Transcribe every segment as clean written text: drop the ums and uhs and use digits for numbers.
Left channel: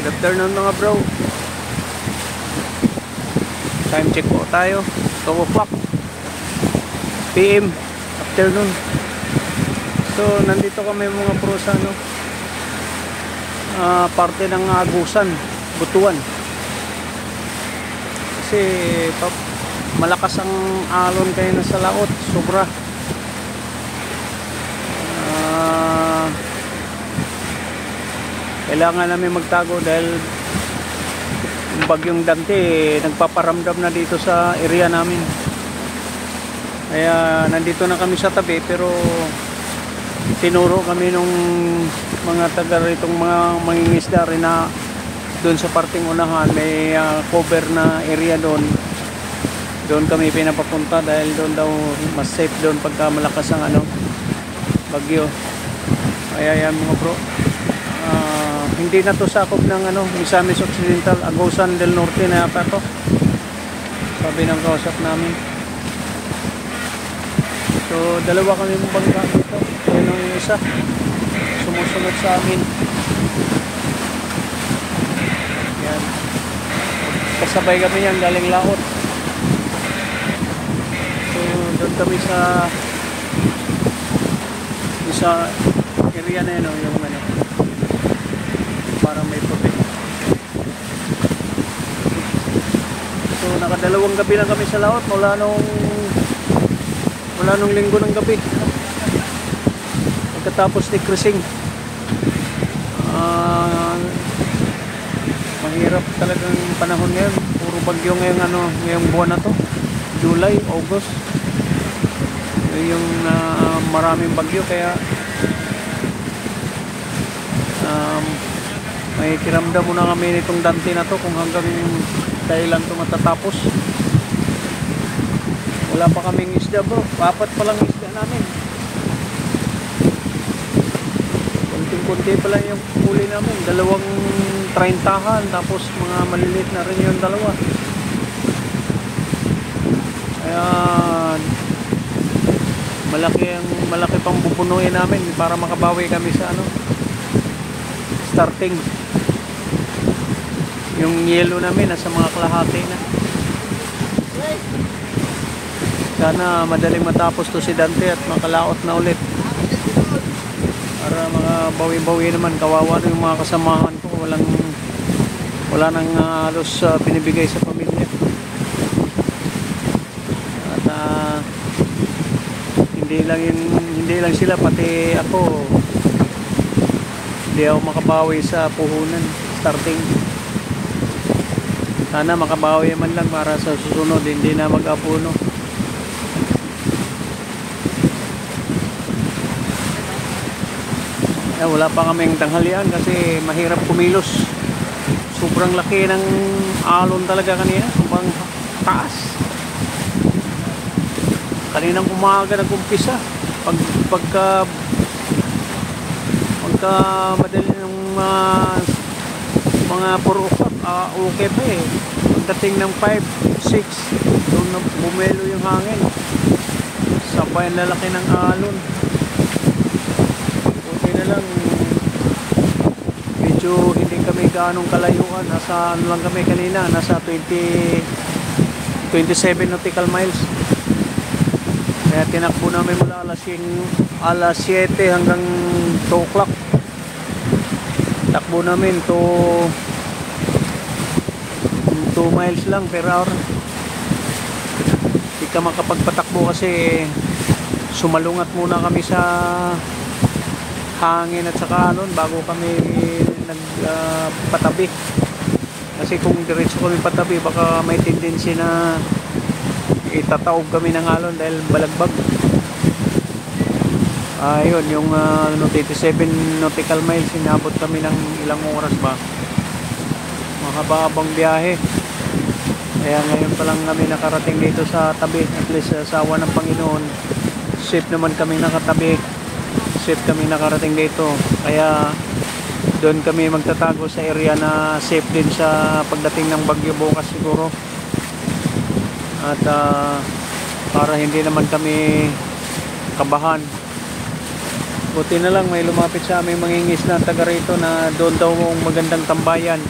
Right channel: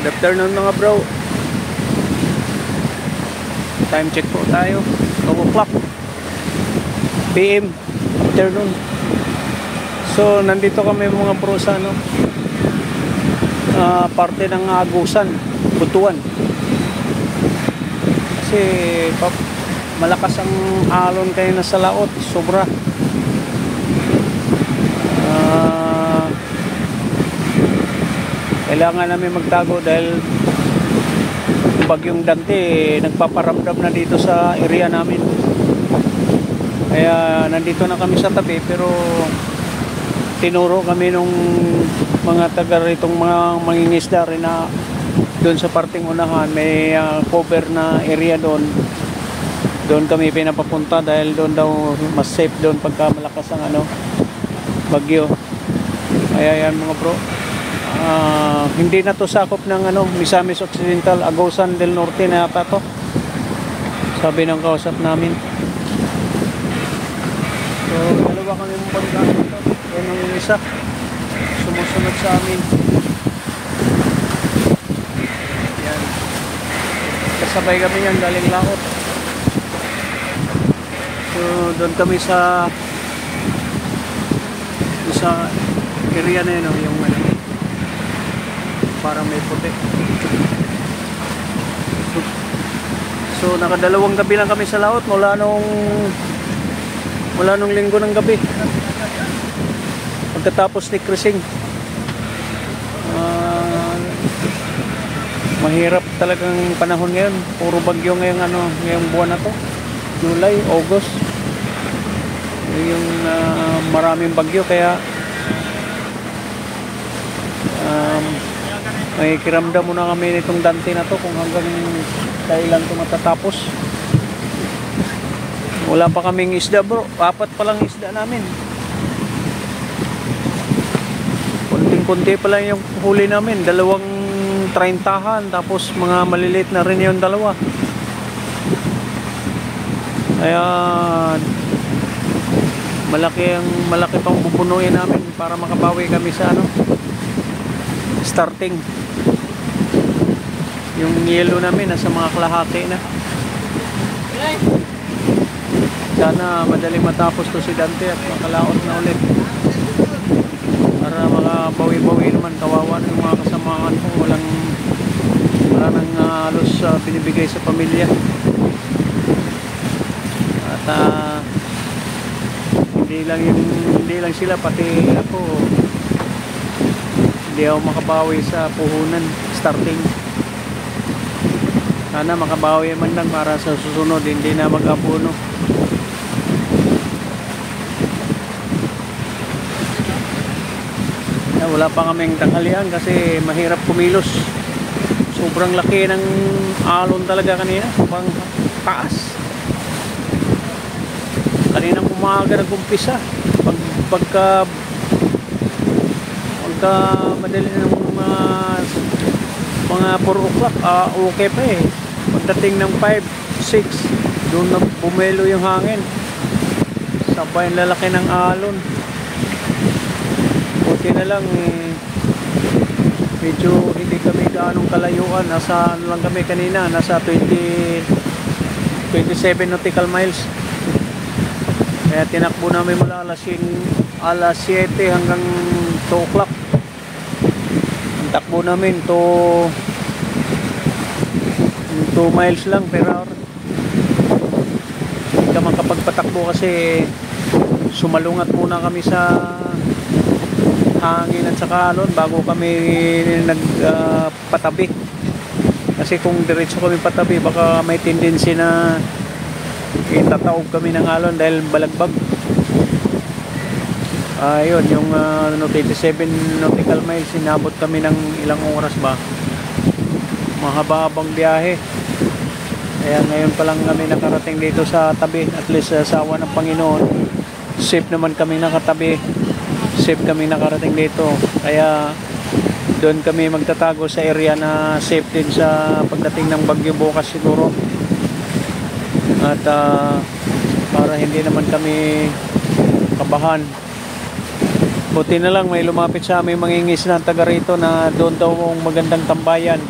Good afternoon mga bro. Time check po tayo, 2 o'clock PM afternoon. So nandito kami mga bro sa parte ng Agusan, Butuan. Kasi malakas ang alon kayo na sa laot, sobra. Kailangan namin magtago dahil yung bagyong Dante nagpaparamdam na dito sa area namin. Kaya nandito na kami sa tabi, pero tinuro kami nung mga taga ritong mga mangingisda rin na doon sa parting unahan may cover na area doon. Doon kami pinapapunta dahil doon daw mas safe doon pagka malakas ang bagyo. Kaya yan mga bro. Hindi na to sakop ng Misamis Occidental, Agusan del Norte na yata to, sabi ng kausap namin. So dalawa kami mong bangka dito. Yan ang isa sumusunod sa amin. Yan, kasabay kami yan galing laot. So doon kami sa area na yun, yung parang may puti. So nakadalawang gabi lang kami sa laot mula nung linggo ng gabi pagkatapos ni cruising. Mahirap talagang panahon ngayon, puro bagyo ngayong buwan na to, July, August. Yung maraming bagyo, kaya nakikiramdam muna kami nitong Dante na to kung hanggang kailan to matatapos. Wala pa kaming isda bro, 4 pa lang isda namin. Kunting-kunti pa lang yung huli namin, 2 30-han, tapos mga maliliit na rin yung 2. Kaya malaki pang pupunuin namin para makabawi kami sa starting. Yung yellow namin nasa mga kalahati na. Sana madaling matapos to si Dante at makalaot na ulit para makabawi-bawi naman. Kawawa na yung mga kasamahan ko, wala nang halos binibigay sa pamilya. At hindi lang sila, pati ako hindi ako makabawi sa puhunan starting. Sana makabawi man lang para sa susunod hindi na mag-apuno. Wala pa kaming tanghalian kasi mahirap kumilos. Sobrang laki ng alon talaga kanina, sobrang taas. Kaninang umaga nag-umpisa, pagka madali ng mga 4 o'clock, okay pa eh. Pagdating ng 5, 6, doon na bumelo yung hangin, sabay ang lalaki ng alon. Buti na lang medyo hindi kami gaanong kalayuan, nasa lang kami kanina, nasa 27 nautical miles. Kaya tinakbo namin mula alas 7 hanggang 2 o'clock. Takbo namin to 2 miles lang per hour. Hindi ka makapagpatakbo kasi sumalungat muna kami sa hangin at saka alon bago kami nagpatabi. Kasi kung diretso kami patabi, baka may tendency na itataob kami ng alon dahil balagbag. Ayun, yung 27 nautical miles, inabot kami ng ilang oras ba. Mahaba-habang biyahe. Kaya ngayon pa lang kami nakarating dito sa tabi. At least sa awa ng Panginoon, safe naman kami nakatabi. Safe kami nakarating dito. Kaya doon kami magtatago sa area na safe din sa pagdating ng bagyo bukas siguro. At para hindi naman kami kabahan Buti na lang may lumapit sa amin mangingis na taga rito na doon daw magandang tambayan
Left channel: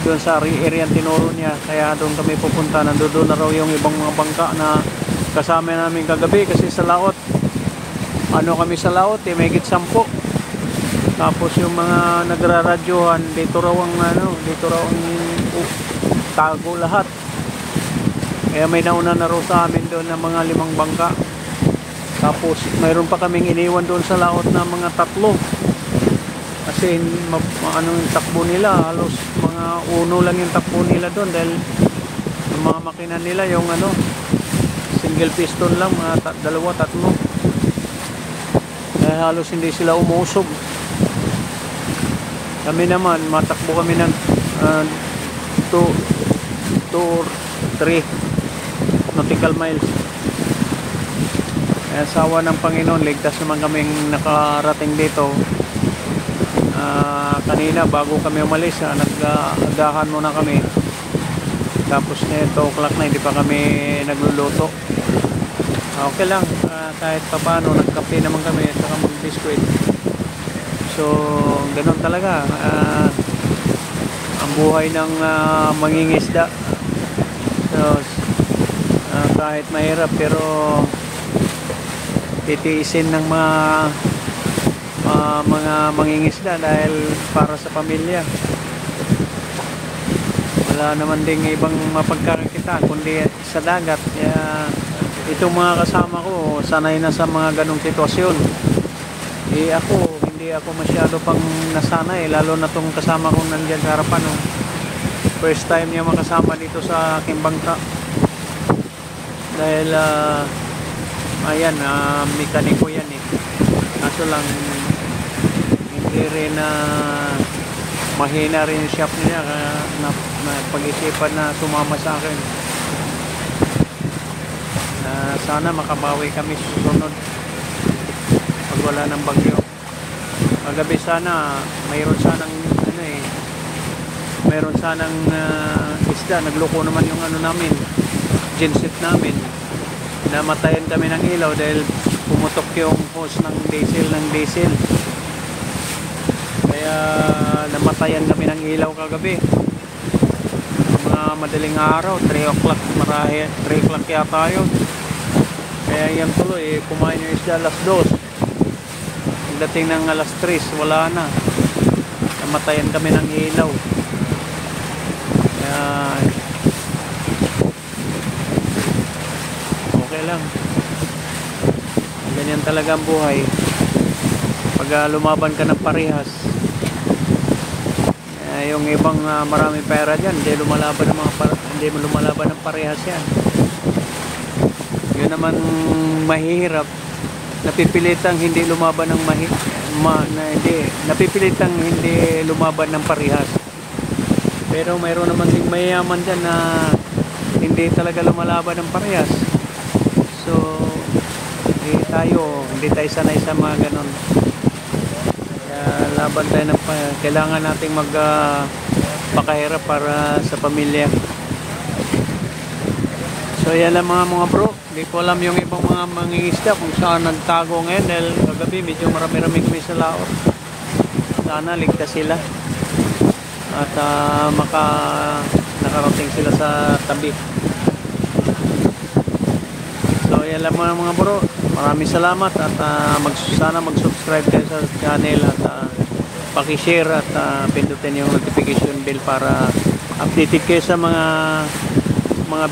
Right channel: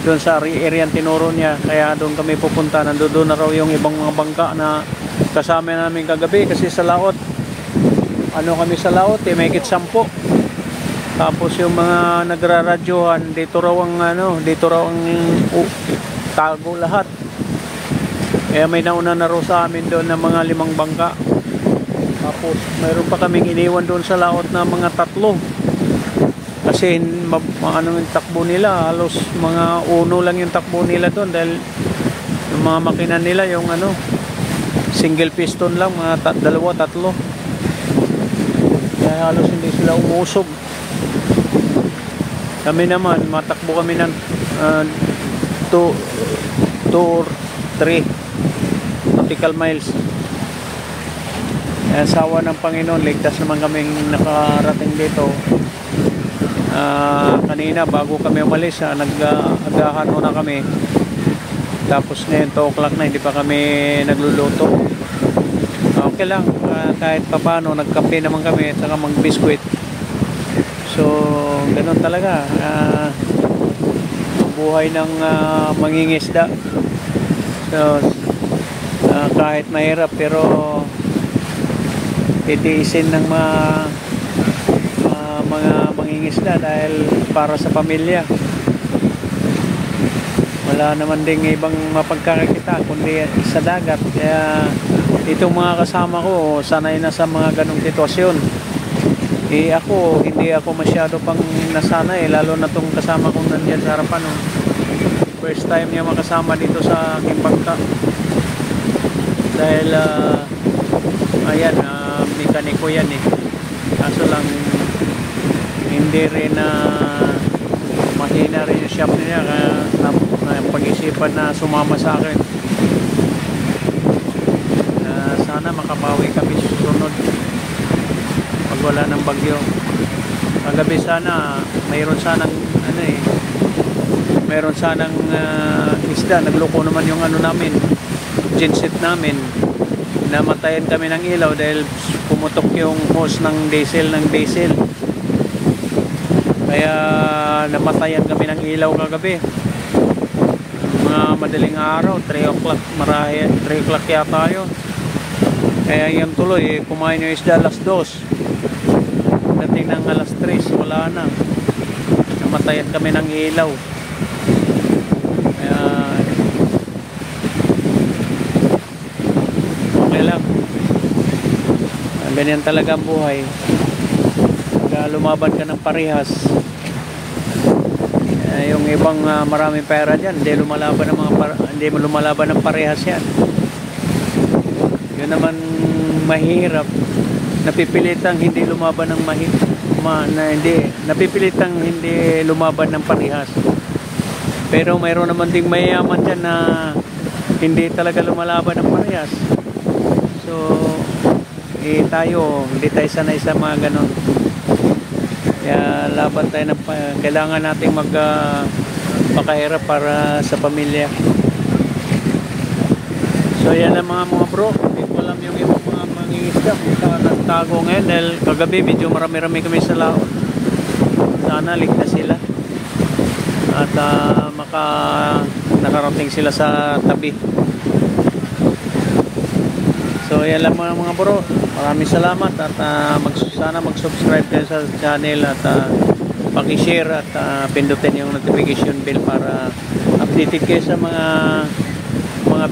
doon sa area tinuro niya, kaya doon kami pupunta. Nandoon na raw yung ibang mga bangka na kasama namin kagabi kasi sa laot kami sa laot may higit 10. Tapos yung mga nagraradyohan dito raw ang tago lahat, kaya may nauna na raw sa amin doon ng mga 5 bangka. Tapos mayroon pa kaming iniwan doon sa laot na mga 3 kasi yung takbo nila halos mga uno lang yung takbo nila doon dahil yung mga makina nila yung single piston lang, mga 2-3, kaya halos hindi sila umusog. Kami naman matakbo kami ng 2 or 3 nautical miles. Sawa ng Panginoon, ligtas naman kaming nakarating dito. Kanina bago kami umalis, nag-agahan muna kami. Tapos ngayon 2 o'clock na, hindi pa kami nagluluto. Okay lang, kahit pa paano nagkape naman kami at saka mag-biscuit. So ganun talaga ang buhay ng mangingisda. So kahit mahirap pero titiisin ng mga mangingisda dahil para sa pamilya. Wala naman ding ibang mapagkakita kundi sa dagat, kaya itong mga kasama ko sanay na sa mga ganong sitwasyon. Hindi ako masyado pang nasanay, lalo na tong kasama kong nandiyan sa harapan. First time niya makasama dito sa aking bangka dahil ayan, mekaniko yan kaso lang hindi rin mahina rin yung shop niya na pag-isipan na sumama sa akin. Sana makabawi kami susunod pag wala ng bagyo. Kagabi sana mayroon sanang isda. Nagloko naman yung namin, genset namin. Namatayan kami ng ilaw dahil pumutok yung hose ng diesel kaya namatayan kami ng ilaw kagabi. Mga madaling araw, 3 o'clock 3 o'clock yata yun. Kaya yun tuloy, kumain yung isda alas 2, dating ng alas 3 wala na, namatayan kami ng ilaw. Kaya ganyan talaga ang buhay pag lumaban ka ng parehas. Yung ibang maraming pera dyan, hindi lumalaban ng parehas yan. Yun naman mahirap, napipilitang hindi lumaban ng napipilitang hindi lumaban ng parehas. Pero mayroon naman ding mayaman dyan na hindi talaga lumalaban ng parehas. So hindi tayo sanay sa mga ganon. Kaya laban tayo kailangan nating magpakahirap para sa pamilya. So yan lang mga bro, hindi ko alam yung ibang mga mangingisda kung saan nagtago ngayon dahil kagabi medyo marami-rami kami sa laot. Sana ligtas sila at nakarating sila sa tabi. So yan lang mga bro, maraming salamat at sana mag-subscribe kayo sa channel at paki-share at pindutin yung notification bell para updated kayo sa mga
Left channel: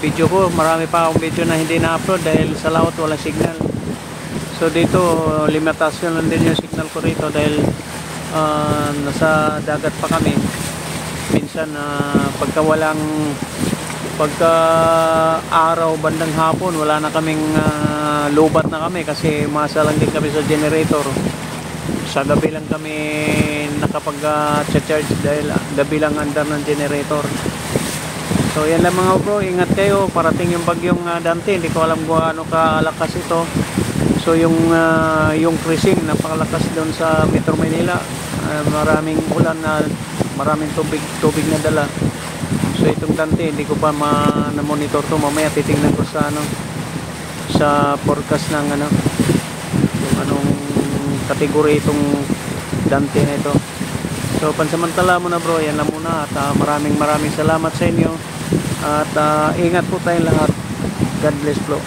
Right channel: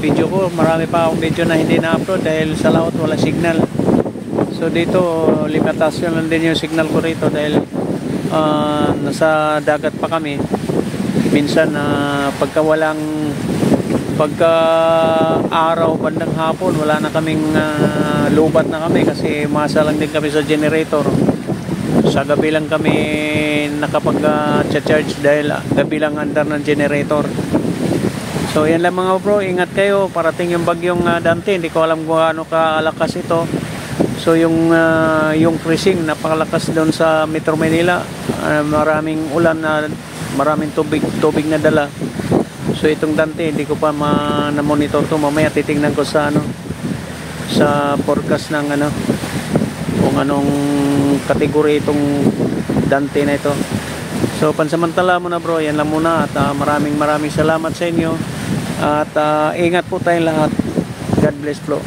video ko. Marami pa akong video na hindi na-upload dahil sa laot wala signal. So dito limitasyon lang din yung signal ko rito dahil nasa dagat pa kami. Minsan pagka araw bandang hapon wala na kaming lubat na kami kasi masa lang din kami sa generator. Sa gabi lang kami nakapag-charge dahil gabi lang andar ng generator. So yan lang mga bro, ingat kayo, parating yung bagyong Dante, hindi ko alam kung ano kalakas ito. So yung freezing napakalakas doon sa Metro Manila, maraming ulan na maraming tubig na dala. So itong Dante hindi ko pa na-monitor to, mamaya titingnan ko sa sa forecast ng kung anong kategory itong Dante na ito. So pansamantala muna bro, yan lang muna at maraming salamat sa inyo at ingat po tayong lahat. God bless bro.